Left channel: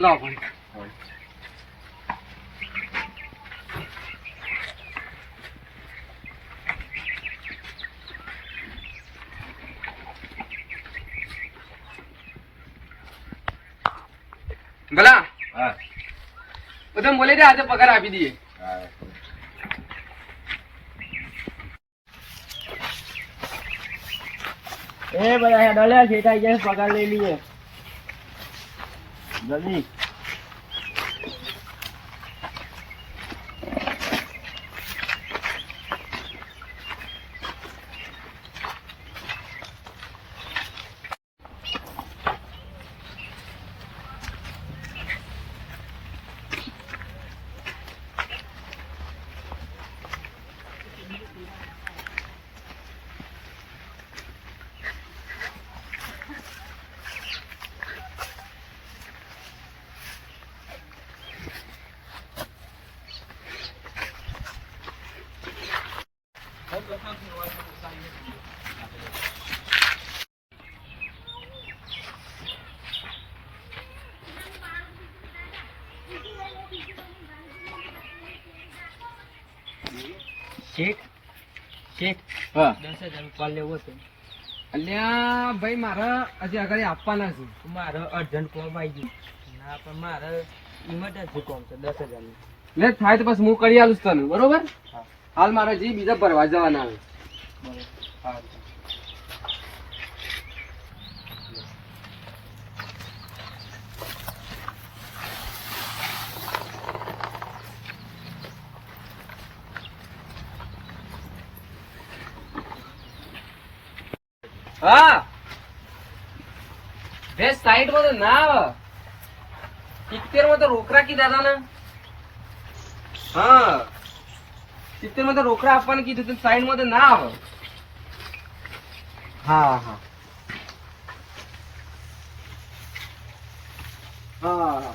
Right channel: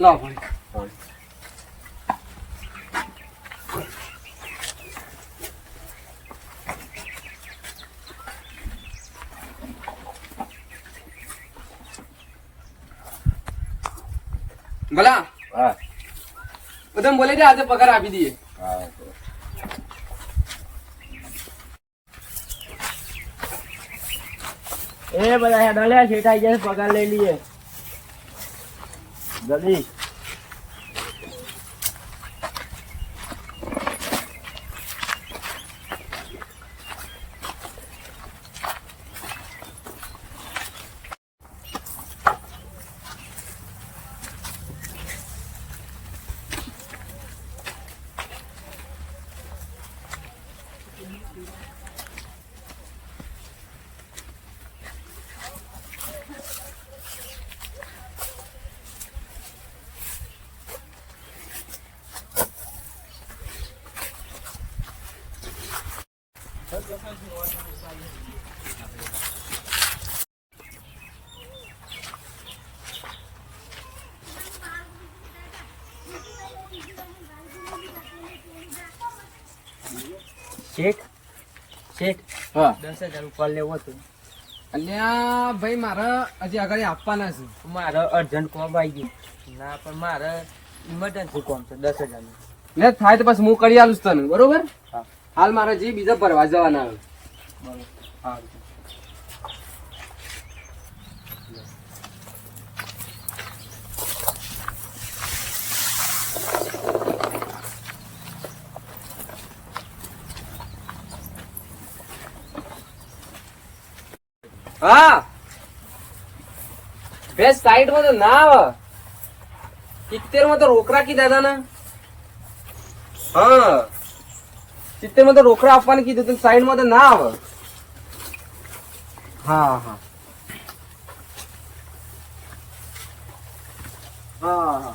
લાવો પણ ભલા હા બધા બોલે છે આજે પગાર આપી દઈએ. હા એ બધા હેડો લે શેઠાઈ જાય પગાર લઈ લઈએ જલ્દી. શેઠ શેઠ હા 10,000 ઉપર લેવો હતો. અલ્યા ભાઈ મારે હજી આગળ આપવાના છે. મારે અર્જન્ટ કોમ આવી ગયું ના પણ મારે ઇમરજન્સી કોમ છે 10,000 ને થાય તો બસ હું કરી આલું તને બરોબર. હાલ મારે જે બીજા ભરવા જવાના આવે. હા હા બેસ્ટ સાઈડ માં તો ના આવે 70 માં તો રોકડા કીધા હતા ને. હા 70 માં તો રોકડા આપવાનું કીધું સાઈડ માં તો ના આવે. હા હા હા હા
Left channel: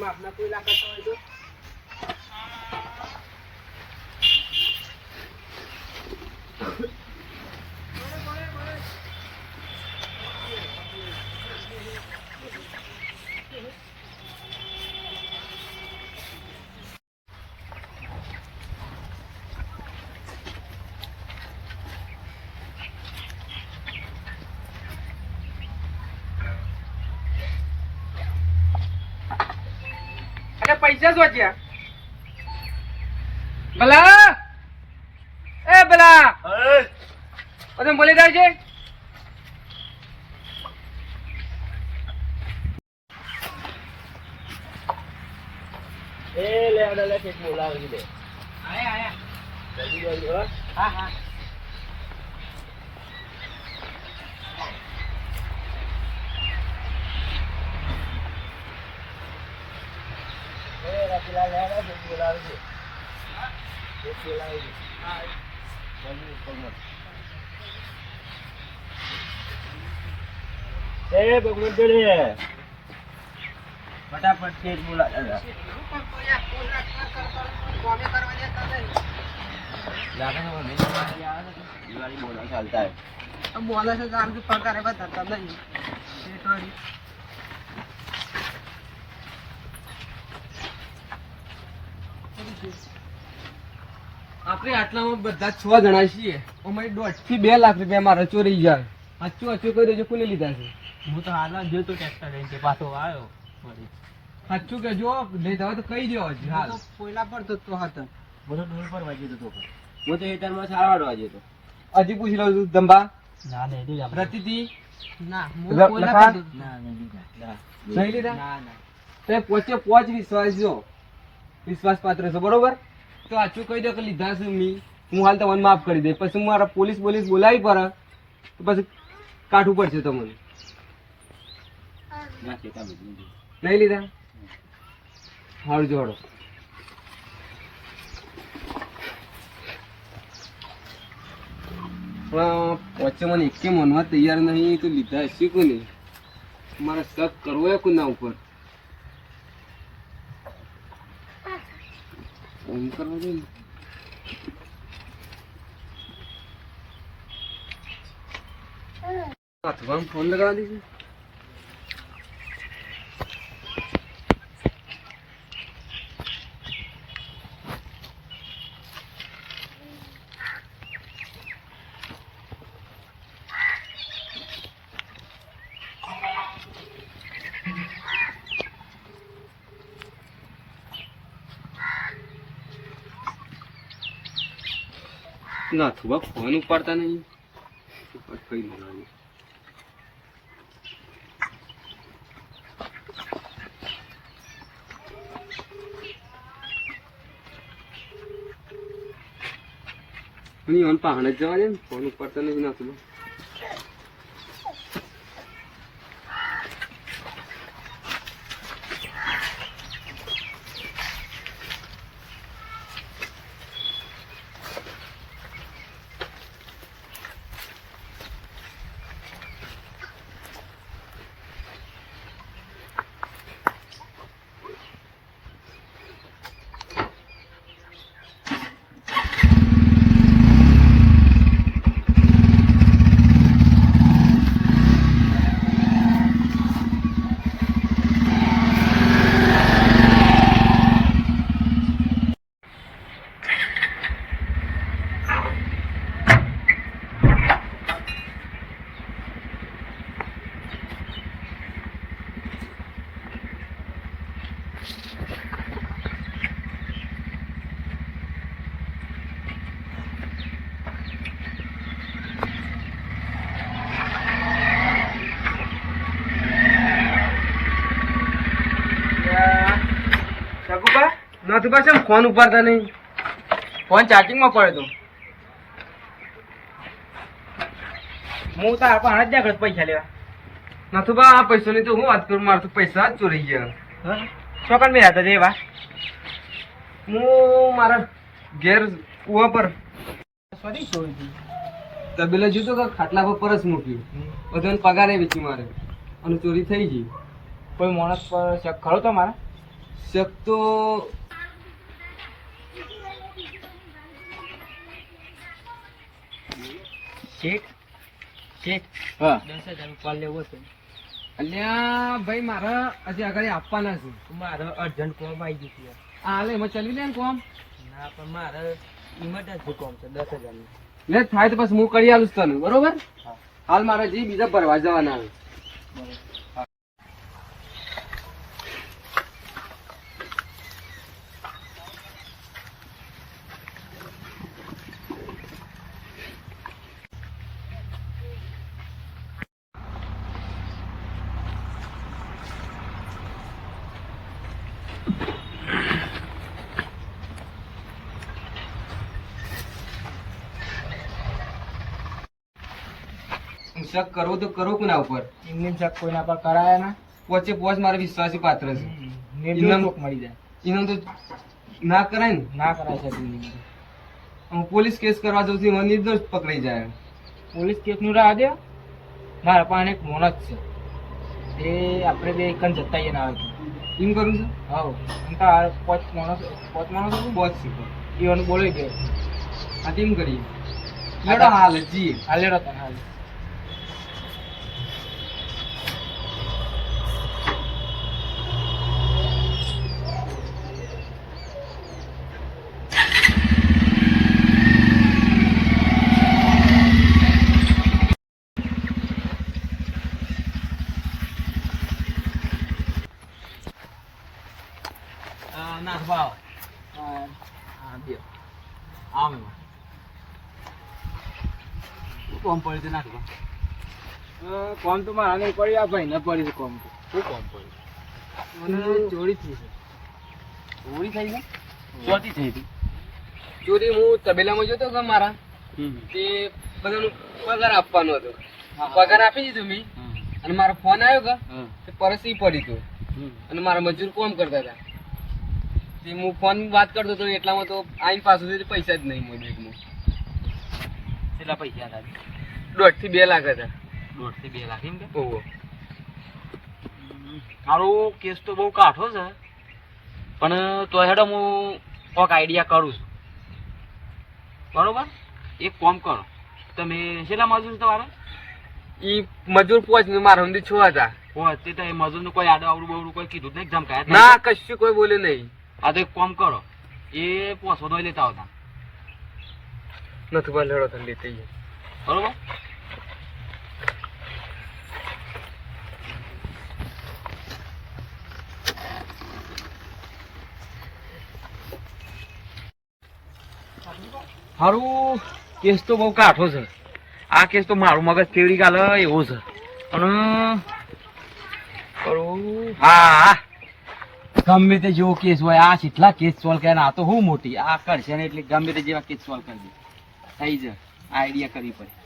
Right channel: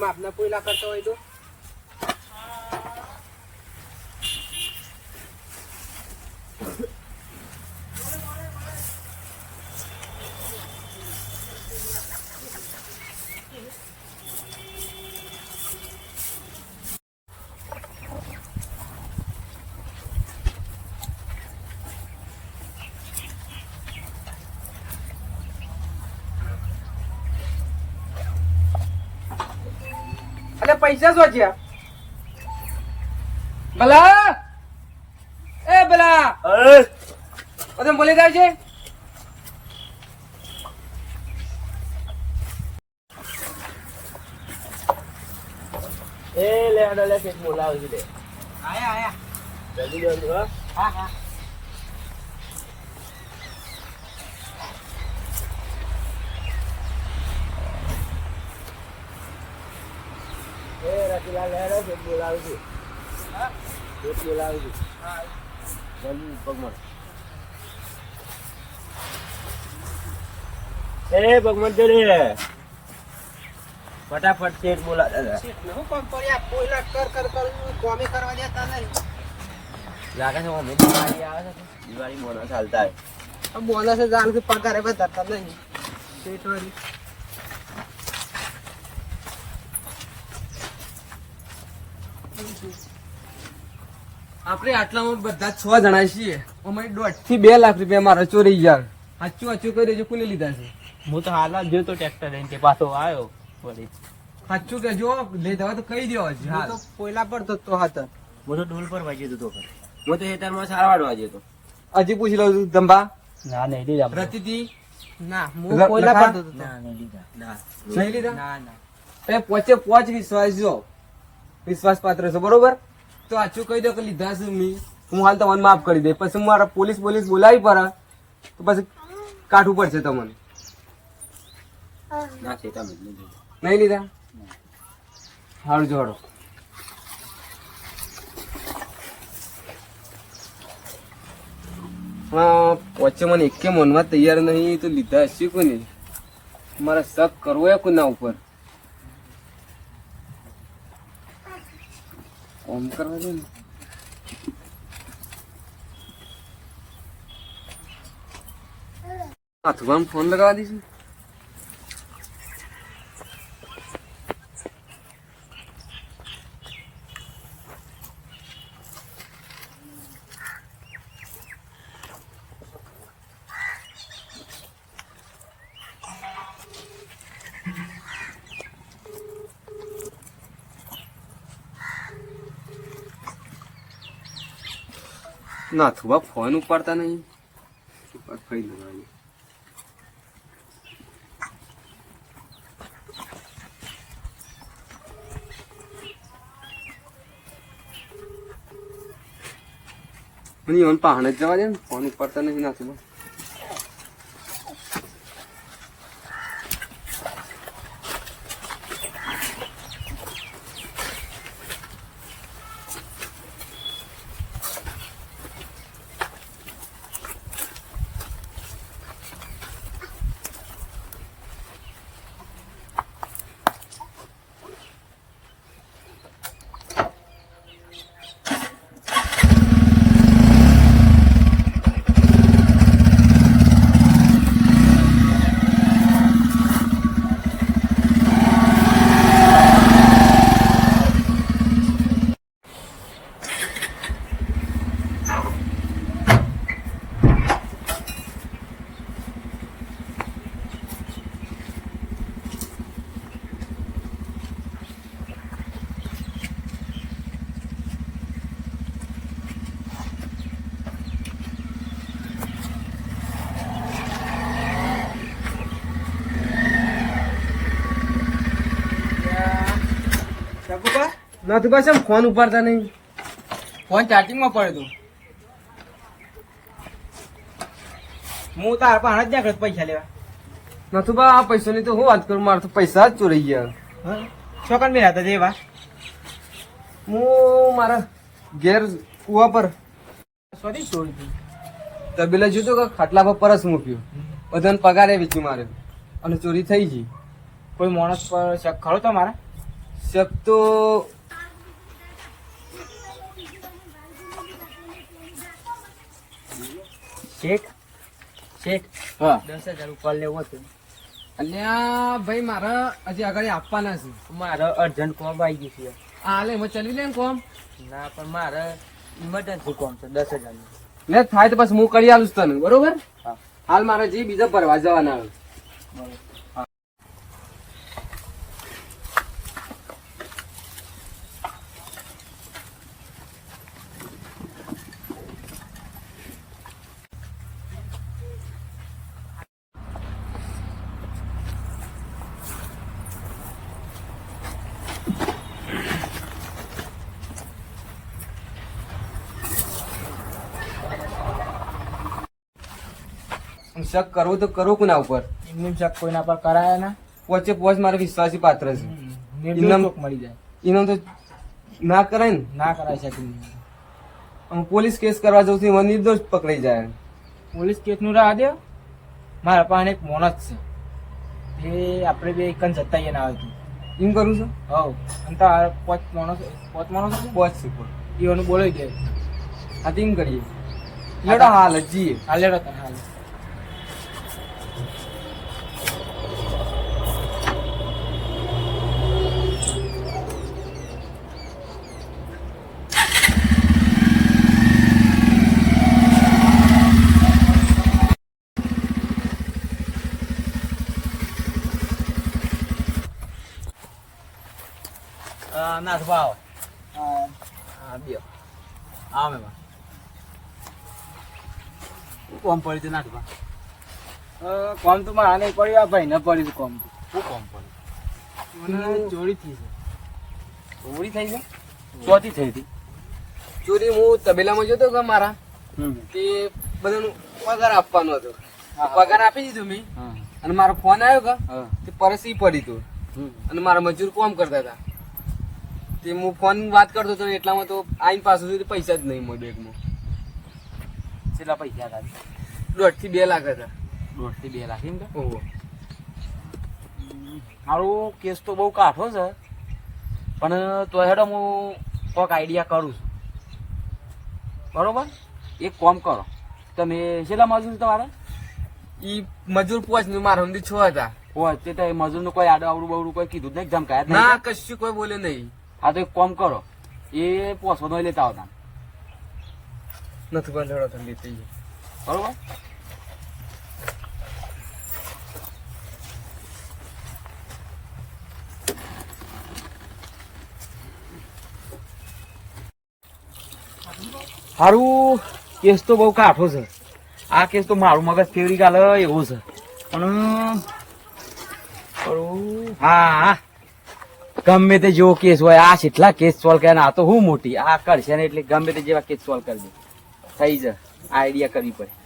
માપના કોઈલા કરતો હોય તો અને પૈસા શોધ્યા ભલા એ ભલા બધા બોલી જાય છે. એ લે હેડો લે શેઠ બોલાવું છે. આયા જલ્દી જલ્દી હો. હા હા એ રતિલાલ હેડો શેઠ બોલાવું છું. શેઠ બોલાવું છું. જલ્દી ભગવાન એ ભગવાન જોડે ફટાફટ શેઠ બોલા લાગે છે અમે દિવાળી આવે છે દિવાળી બોનસ ચાલતા બોનસ જાણ કે પગાર બધા નહીં શેઠ વાળી આપણે આટલામાં બધા 6 જણા છીએ. અમારી 1.5 થી 2 લાખ રૂપિયા મારા ચોરી ગયા. સાચું કહી દેજો કોને લીધા છે. હું તો હાલ જ જોતો ટ્રેક્ટર લઈને કે પાછો આવ્યો સાચું કે જો લેતા હોય તો કહી દો હજી હાલ. તો કોયલા પર તો હતા હું તો ડોલ પર વાગ્યો હતો તો હું તો હેતરમાં સારા વાળવા જતો. હજી પૂછી લઉં છું ધંબા ના નહીં લીધા રતિથી ના લખા? ના નહીં લીધા ના નહીં લીધા? ના ના એ પોચે પોચ વિશ્વાસ જો વિશ્વાસ પાત્ર છે બરોબર. તો આચું કહી દો કે લીધા છે મી, હું હાલ તમને માફ કરી દે. પછી મારા પોલીસ બોલાવી પડે તો પછી કાઢવું પડશે તમને. ના છે તમે નહીં લીધા. નહીં લીધા? સારું જોડો. વચ્ચે મને એકે મનવા તૈયાર નહીં તો લીધા હશે કોને. મારે શક કરવો એ કોના ઉપર ઓમ કરવા દે ને. હાથમાં ફોન લગાવવા દઈશું. ના થોડા ફોન ઉપાડતા નહીં. કઈ લેવાનું મને પહાણે જ જવા દે ને. ફોન ઉપાડતા નહીં ના થોડા. નથી બસ એમ ફોન ઉપાડતા નહીં. ફોન ચાર્જિંગમાં પડ્યો હું તાર પણ હાથ જાગૃત પૈસા લેવા નથી બા આ પૈસા ની તો હું વાત કરું. મારે તો પૈસા જ ચોરાઈ ગયા. છોકરા મેં હતા જેવા હું મારા ઘેર કુવા પર સોરી ચોરી તબેલા જોયું કે ખાટલા પર પરસ મૂક્યું. બધાને પગારે વેચી મારે અને ચોરી થઈ ગઈ. કોઈ માણસ પર શક ખરો તમારા? શક તો શેઠ શેઠ હા 10,000 ઉપર લેવું હતું. અલ્યા ભાઈ મારે હજી આગળ આપવાના છે. મારે અર્જન્ટ કોમ આવી ગયું છે. હાલે એમાં ચલવી દે ને કોમ. ના પણ મારે ઇમરજન્સી કોમ છે 10,000 નું. લે થાય તો પછી હું કરી આલું છું તને બરોબર. હા. હાલ મારે જે બીજા ભરવા જવાના આવે. શક કરવો તો કરો કોના ઉપર. એમને શક કોઈના પર કરાયા ના. પોચે પોચ મારે વિશ્વાસી પાત્ર છે. નિર્દોષ ઇનામ- ચોક મળી જાય. એનો તો ના કરાય ને. ના કરાય છે એમની. હું પોલીસ કેસ કરવા જઉં છું એમાં નિર્દોષ પકડાઈ જાય. પોલીસ કેસ નું રાહ દે. મારા પાસે એક મોણસ છે એ આપણે બે એકન જતા ના આવે છે. એમ કરું છું. હવ અને તાર પાંચ માણસ છે પોચ છે પોચ. ઈવાનું બોલાવી દે. હા તેમ કરીએ. લેડો હાલ જ જઈએ. હાલે તને હાલ. નાથ ભાવ હા બે આવે કોમ પડી તો નાખવા કોમ તો મારા નહીં પડ્યું આ ભાઈ ને પડ્યું કોમ તો શું કોમ પડ્યું ચોરી થઈ છે ચોરી થઈ છે ચોથી થઈ હતી ચોરી હું તબેલામાં જોતો કે મારા તે બધાનું પગાર આપવાનો હતો પગાર આપી દીધો મેં અને મારો ફોન આવ્યો કે તે પરસી પડી તો અને મારા મજૂર કોમ કરતા હતા તે હું ફોન વાત કરતો હતો એટલામાં તો આઈ પાછું પૈસા જ નહીં મળ્યો એકમાં કેટલા પૈસા હતા 1.5 થી 2 લાખ હતા 1.5 થી 2 લાખ એમ કે ઓહો મારો કેસ તો બહુ કાઠો છે પણ તો હેડો હું કોઈક આઈડિયા કરું છું બરોબર એક કામ કરો તમે કેટલા મજૂર તમારે ઈ મજૂર પોચ ને મારા હમણાં 6 હતા હોય તે તો એ મજૂરનું કોઈ આડું આવડું બવડું કોઈ કીધું જ નહીં ધમકાયા જ નહીં? ના કશું કોઈ બોલે નહીં હા તો એક કામ કરો એ પોસો દોઈ લેતા આવતા નથી બોલે હેડો તને લેતી બરોબર હારું કેસ તો બહુ કાઠો છે આ કેસ તો મારું મગજ ફેવરી ગાલે એવો છે પણ હા ગમે તે જેવો કેસ હોય આ કેટલા કેસ સોલ્વ કરે આ તો હું મોટી આ કરશે ને એટલે ગમે તે જેવા કેસ સોલ્વ કરી દે થઈ જાય આઈડિયા કરવી પડે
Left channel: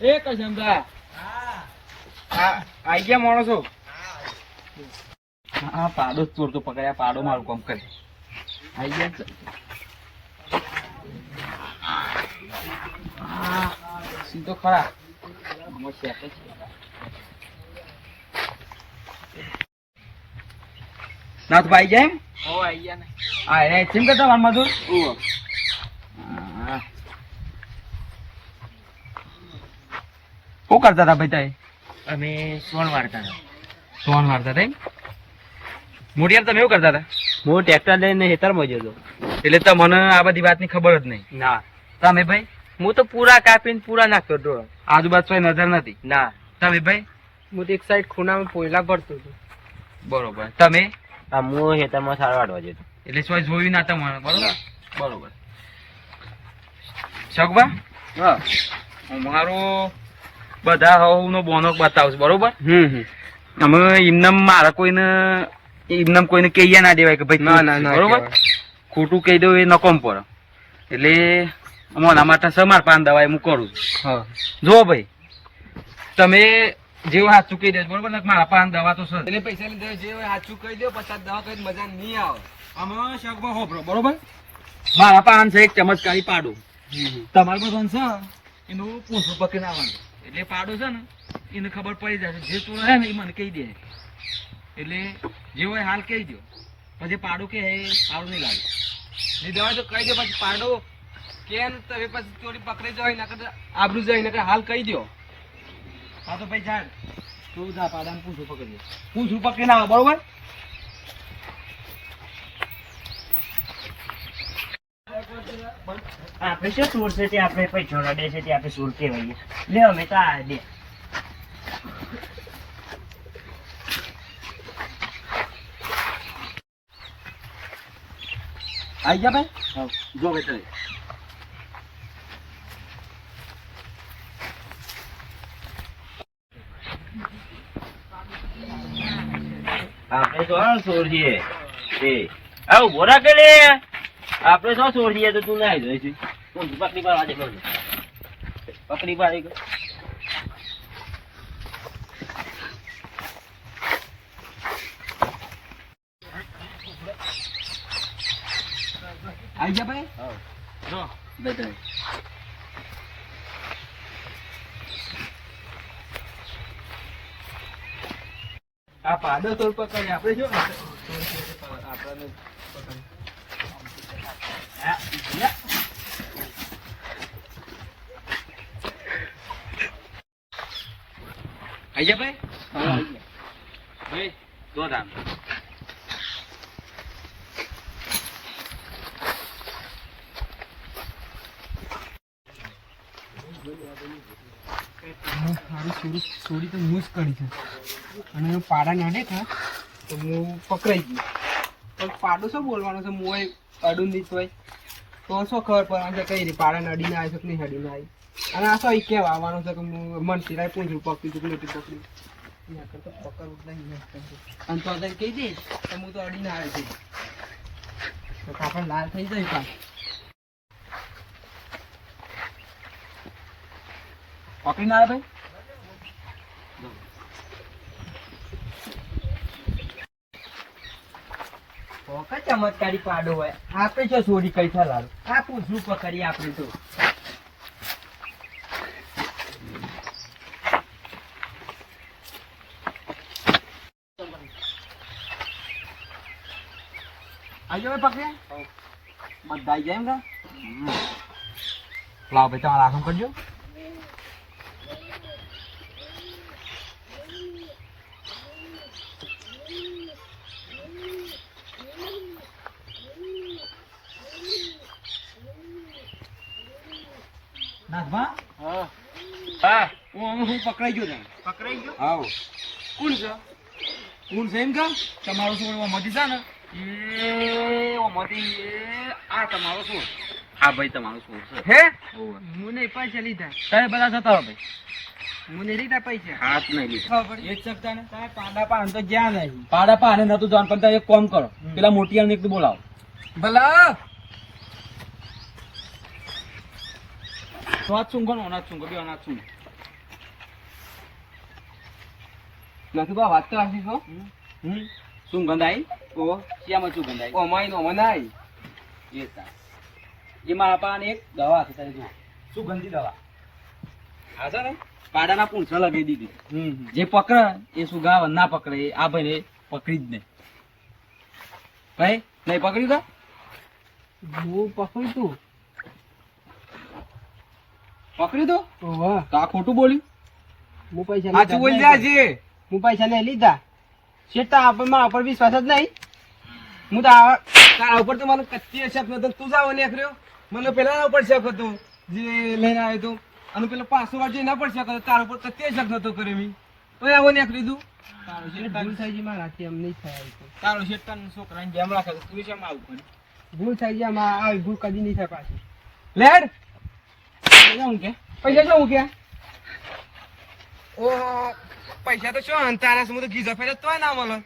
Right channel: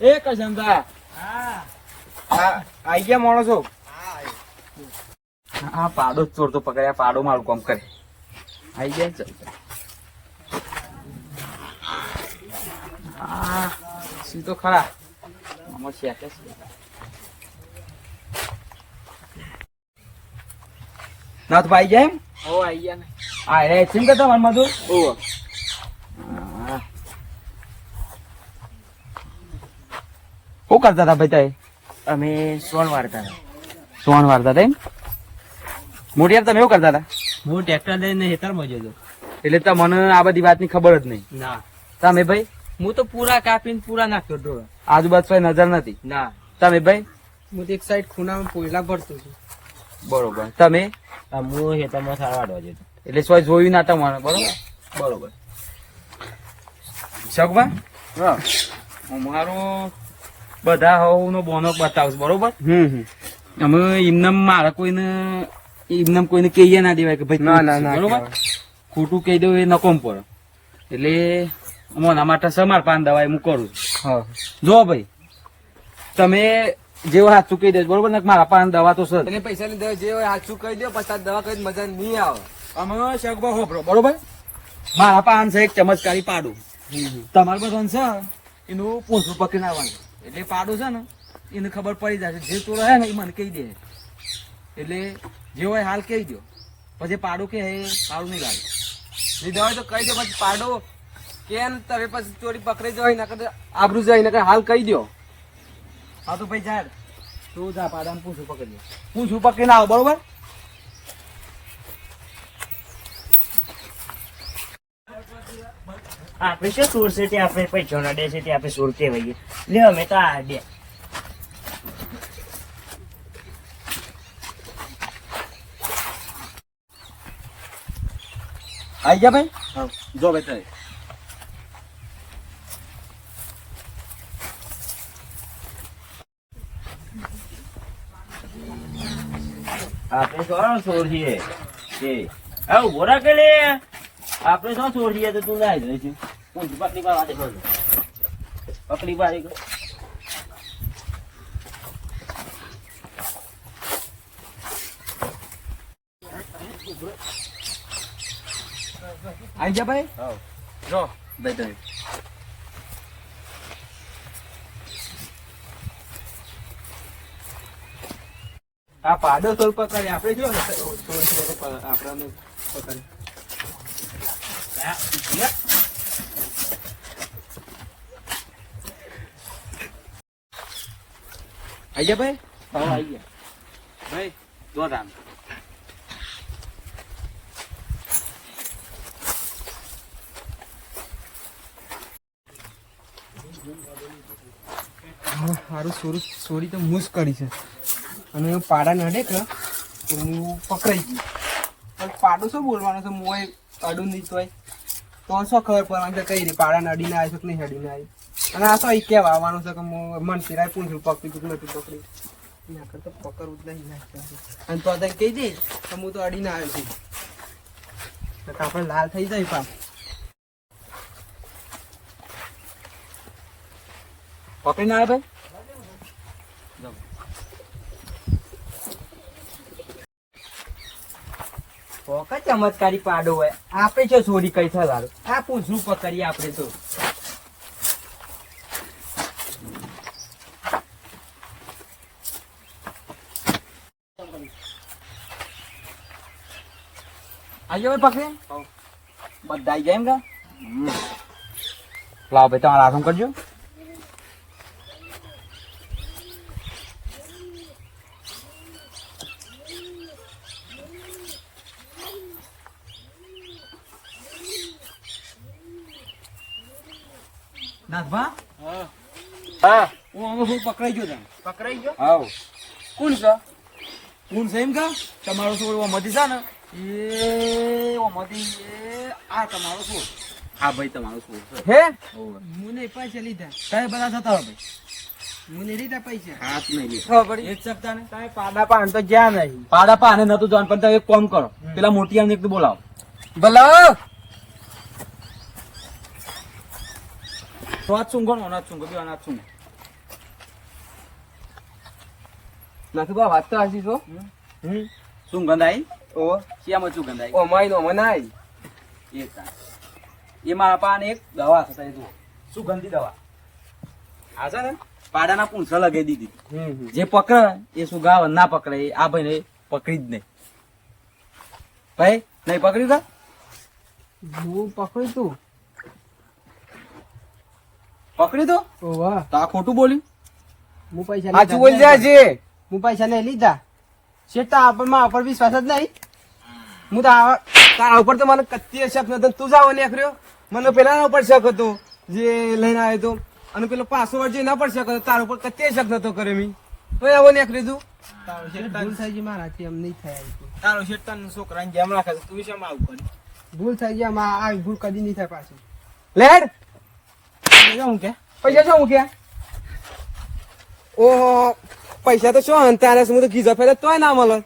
એ કશંતા આઈ ગયા માણસો હા પાડો જ ચોરતો પકડ્યા પાડો મારું કામ કરે આઈ ગયા ચાલ હા સીધો ખરા આમાં શેક છે ના તો ભાઈ જાય હો આઈ ગયા ને આ રે ચીમ કરતા માર મધુર ઓહો શું કરતા હતા ભાઈ તાઈ અમે સોન વાળતા હતા સોન વારતા હતા એમ મોટિયાર તમે એવું કરતા હતા હું ટ્રેક્ટર લઈને ખેતરમાં જતો એટલે તમને આ બધી વાતની ખબર જ નહીં ના તમે ભાઈ હું તો પૂરા કાપીને પૂરા નાખતો હતો આજુબાજુ કોઈ નજર નથી ના તમે ભાઈ હું તો એક સાઈડ ખૂણામાં પોયલા ભરતો છું બરોબર તમે હું ખેતરમાં સાર વાળવા જતો એટલે સોય જોયું ના તમને બરોબર બરોબર શકવા હા મારો બધા હવનો બોનો બતાવશે બરોબર અમે એમને મારા કોઈને એમને કોઈને કહીએ ના દેવાય કે ભાઈ ના ના ના બરોબર ખોટું કહી દઉં એ નકોમ પર એટલે અમારા માટે સમાર પાન દવા હું કરું છું હા જો ભાઈ તમે જેવું સાચું કહી દેજો બરોબર ને મારા પાન દવા તો સર એને પૈસા લીધા જે હોય સાચું કહી દો પછી દવા કઈ મજા નહીં આવે અમે શકવા હોપરો બરોબર મારા પાન છે એક ચમત્કારી પાડું તમારે બધું છે એનું પોસું પકડીને આવવાનું એટલે પાડો છે ને એને ખબર પડી જાય જે ચોરો હે ને એ મને કહી દે એટલે જે હોય હાલ કહી દો પછી પાડો કે સારું નહીં લાગે લીધા હોય તો કહી દો પછી પાડો કેમ તમે પછી ચોરી પકડી જાય નકર આબરૂ જાય નકર હાલ કહી દો હા તો ભાઈ ઝાડ તું જા પાડાને પૂછું પકડી પૂછું પકડીને આવો બરોબર આપણે શું સુર છે તે આપણે પૈસા ના દે છે તે આપણે સુર કહેવાય લે અમે તો આ દે આઈ જા ભાઈ હા જો બેઠા આપણે શું સોર છીએ તે આવું બોરા કે લે આપણે શું સોર છીએ તો તું ના જોઈ છે હું પકડી પાડવા દે પકડી પાડી ગયો આઈ જા ભાઈ હા જો બેઠા આ પાડો સોર પકડી આપણે શું આપણે પકડી આઈ જા ભાઈ હા આઈ ગયા ભાઈ જો ધામ મારું ચોરી તો હું જ કરી છે અને પાડા નડે કે તો હું પકડાઈ ગઈ પણ પાડો શું બોલવાનો છે હું અડું નહીં તોય તો શું ખબર પડવાની છે કઈ રીતે પાડા નડીને આવી છે કે નહીં નડીને આવી અને આ શું કહેવા આવવાનું છે કે હું મન સિરાય પૂછું પકડી તું નથી પકડી એના કરતા પકડવું જ નહીં અને તો તને કહી દઈશ તો હું તો અડીને આવે છે તો આપણે લાલ થઈ જાય પા પકડીને આવે ભાઈ ચમત્કારી પાડો હોય આપણે જો ચોરી કરી છે લાલો આ પૂછવું પકડીએ આપણે તો આજે ભાઈ પકડે બધા આવી જાય એમ કા લાવ ભાઈ તમારા હાથમાં કરજો નાથભા હા હું અમે હું પકડાઈ ગયો તને પકડાઈ ગયો હાવ કોણ છે કોણ છે એમ કા તમારો છોડ ઓમાંથી છે ને એ ઓમાંથી એ આ તમારો છોડ આ ભાઈ તમારો છોડ છે હે ઓવે હું નહીં પૈસા લીધા તમે બધા જતા હો ભાઈ હું નહીં લીધા પૈસા હાથ નહીં લીધો ખબર એ જ શકતા ને તમે પાડા પાન તો જ્યાં નહીં પાડા પાને નતું જવાનું પણ તમે એક કામ કરો પેલા મોટી આને એક તો બોલાવો બોલાવો તો આ ચૂંગો નો અનાજ ચૂંગો બે અનાજ ચૂંગો નથી બા વાત તો હાસી છો શું ગંધાઈ ઓ શિયામાં શું ગંધાઈ ઓમાઈ નો મનાઈ એ તા એ મારા પાને એક દવા છે તારી જુઓ સુગંધી દવા આ છે ને પાડાના પૂંછા લગાવી દીધી જે પકડે એ સુગાવ ના પકડે એ આ ભાઈને પકડી જ નહીં ભાઈ નહીં પકડ્યું કા હું પકડી તું પકડી તો વાહ તો આ ખોટું બોલ્યું હું પૈસા સાચું બોલી જાય છે હું પૈસા નહીં લીધા શેઠ મારા ઉપર વિશ્વાસ જ નહીં હું તો તારા ઉપર તો મને કત્તી શક નતો તું જાવ ને કર્યો મને પેલા ઉપર શક હતો જે લઈને આવ્યો હતો અને પેલો પાછો વાર જે ના પર શક હતો તારા ઉપર કત્તી શક નતો કર્યો મી તો આવો ને લીધું ભૂલ થઈ ગઈ મારાથી એમ નહીં થયા તારો શેઠ તને છોકરાને જેમ રાખે છે તું શેમ આવું કરી ભૂલ થઈ ગઈ આમાં આવી ભૂલ કદી નહીં થાય પાછી લેડ હું કે પૈસા શું હું કે ઓહો પૈસા તો શું તારે હું તો ગીઝા ફેરે તોય ના મળે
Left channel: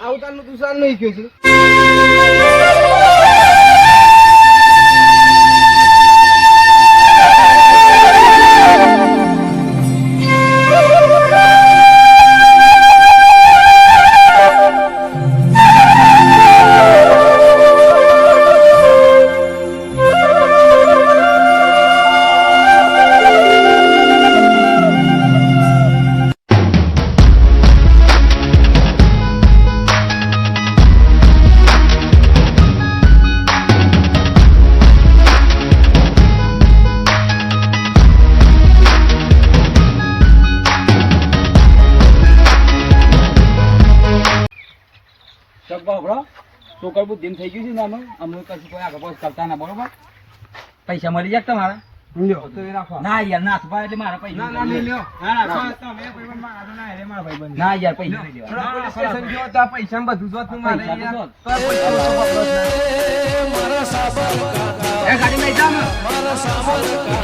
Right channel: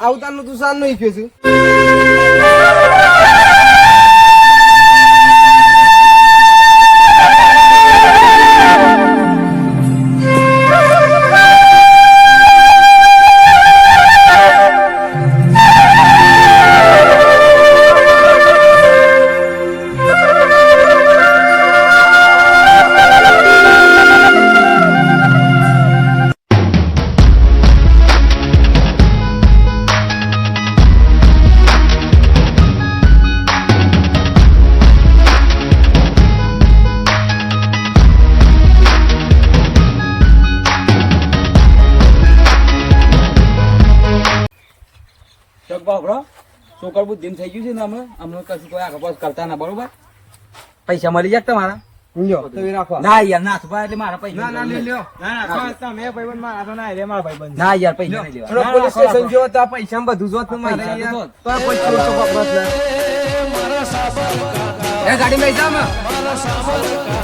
આવતાનું તું સાન નહીં કહે છે છોકર બુદ્ધિ થઈ ગયું છે ને અમે કશું કોઈ આગળ પાછળ કરતા ના બરોબર પૈસા મળી જાય તમારા ના યાર નાથ ભાઈ એટલે મારા પૈસા ના યાર પૈસા નહીં લેવા પોલીસ સ્ટેશન જો તો પૈસા બધું જો પૈસા તો ગાડી લઈ જાવ